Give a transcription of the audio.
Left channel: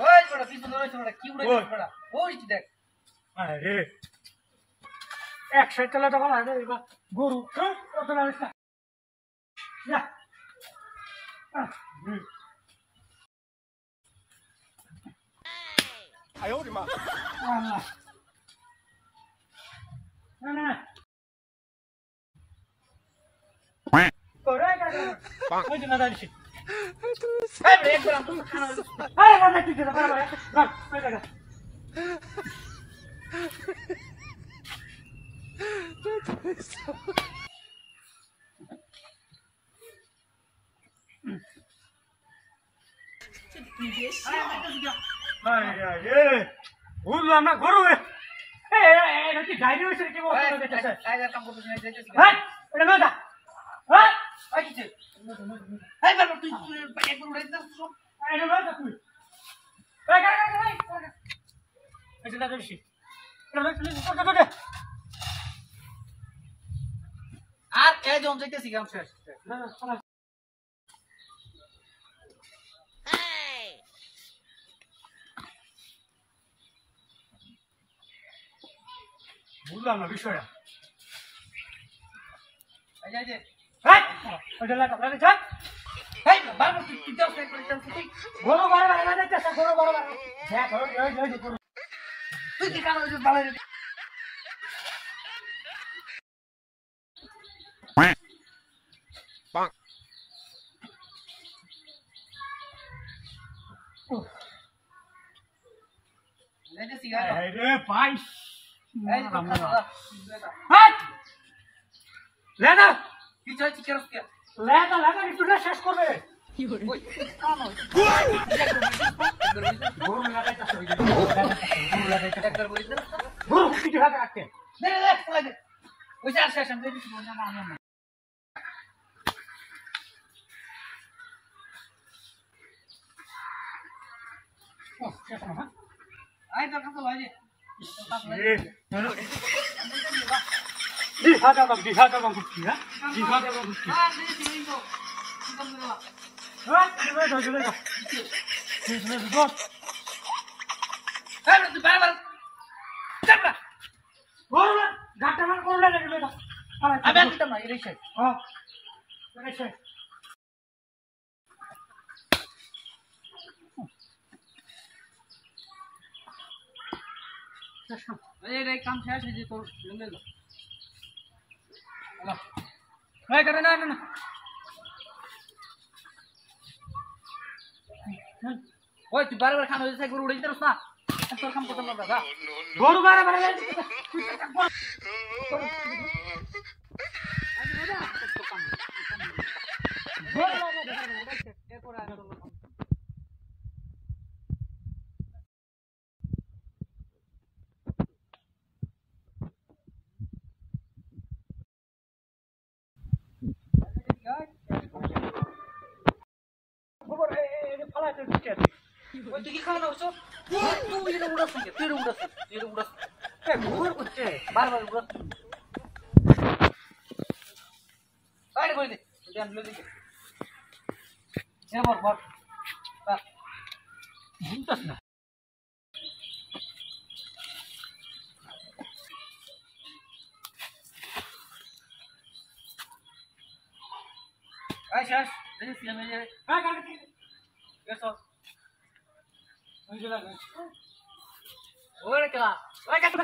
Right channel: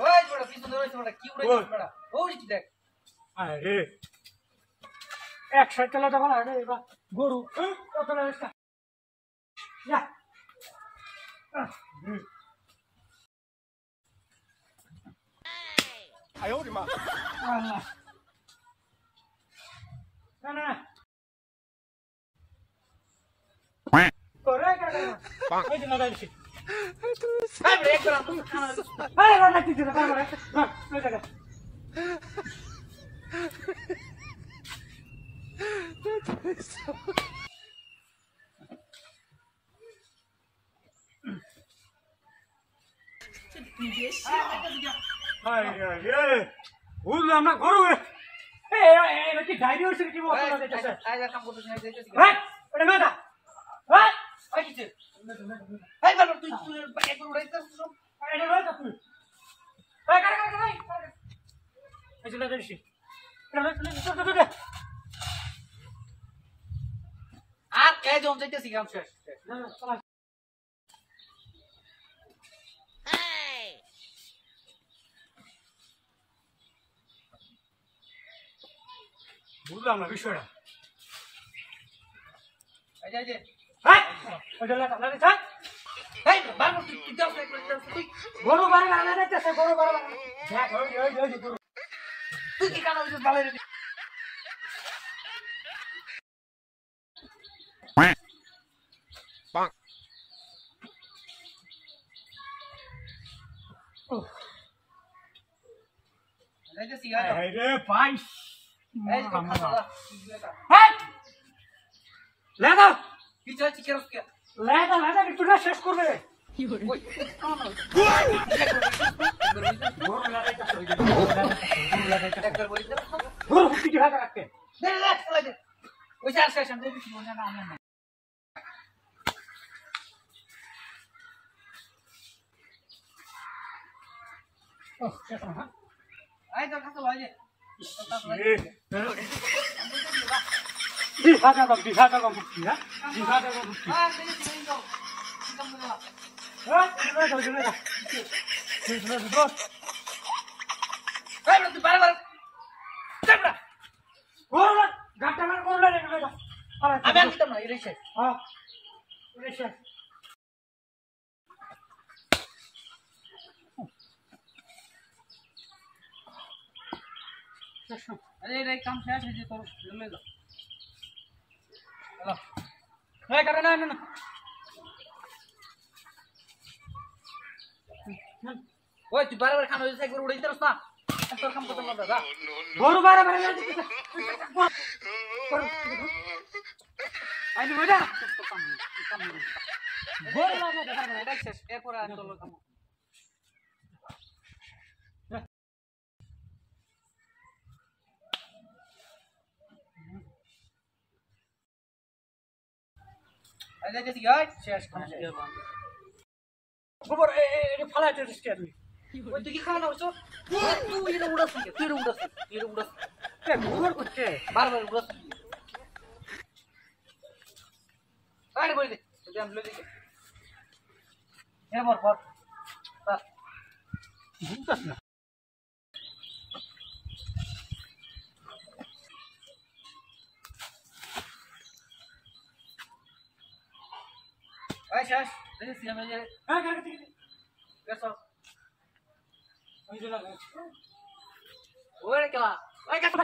ওই বড় পিছনে রইছে বড় কি উড়াইছিস বড় ওই দেখ আরে এক সাইড চালা তখন আরে গরু কত লাগছে যা哎呦我的妈！ না না করে ওই যে না দাঁড়িয়েছি এই বড় একবার আমি খানা আরে না ঠিক আছে বড় বড় তুই বেশ আরে বুঝলাম না গরু এটা কি ডায়রি হয়েছে কি বলতে যাচ্ছে আজ কাম করতে না যাইতেছি হ্যাঁ এটা না হ্যাঁ ওই কিছু এই বড় তুই একবার উড়াইছিস সব এটা না তুই এই কারে এই যে দাঁড়িয়েছি এটা আর এই জন যাইতেছি গ্রাম শেষ না না চলা বুঝলাম না বিষয়টা এই যাই যে হ্যাঁ ওইটা লাগা যা এই বাবু তুই দাও তুই গরু বারে বারে না যাচ্ছে গরু বারে বারে দেখ ওই তুই কি কানা হইছিস ভালো রে Bonk. যাইতেছি গা আরে পাইস এই যে খানা হ্যাঁ লেদা কি চাই চিকেন কে লেদা একটুটা শেষ করবে ওই কানা গরু লাগাইতে একবার বলিস গরু পিঠে হাতে রাখতে দে দে চলে দে ওই চার শেষ আমি যাইতেছি মনে না আমার না ও শেষ না আই তোর কাছে লই দে দিশা দাও দিশা কি হ্যাঁ দিশা দাও হ্যাঁ দেখি লই দাও তুমি না হ্যাঁ জুলে দাও এই তুই বারবার চাপড়া গরু না গাটা মান গরু লাগে জুলে দাও আমি আর দিতাম না এর শেষ হ্যাঁ শেষ এই কাম শেষ হয়ে যে তোর ললে দাও হ্যালো এই করে না না ওই তুই বারবার খানা হইছে গরু উড়াইতে রস না তোর কাম করতে না দাদা গরু বারে বারে আমি মজা তোর কাম গরু লাগা দেখা না শেষ এরপর আর তোর কাম এই যাইতেছি গাই শেষ খানা শেষ গোবর এই ফালাইতে দিতে ওই তুই কি খাওয়া হইছো তুই এটা উড়াস না তুই এটা উড়াস এ গোবর করতে বারবার উড়াস আরে বলি দে তুই আনলে দে এরপর পর বুঝতাছ না এই শেষ দেখি আমি যে হ্যাঁ কাকে গেছো ওই যে লাগে ওরে কেলা ওই কাছে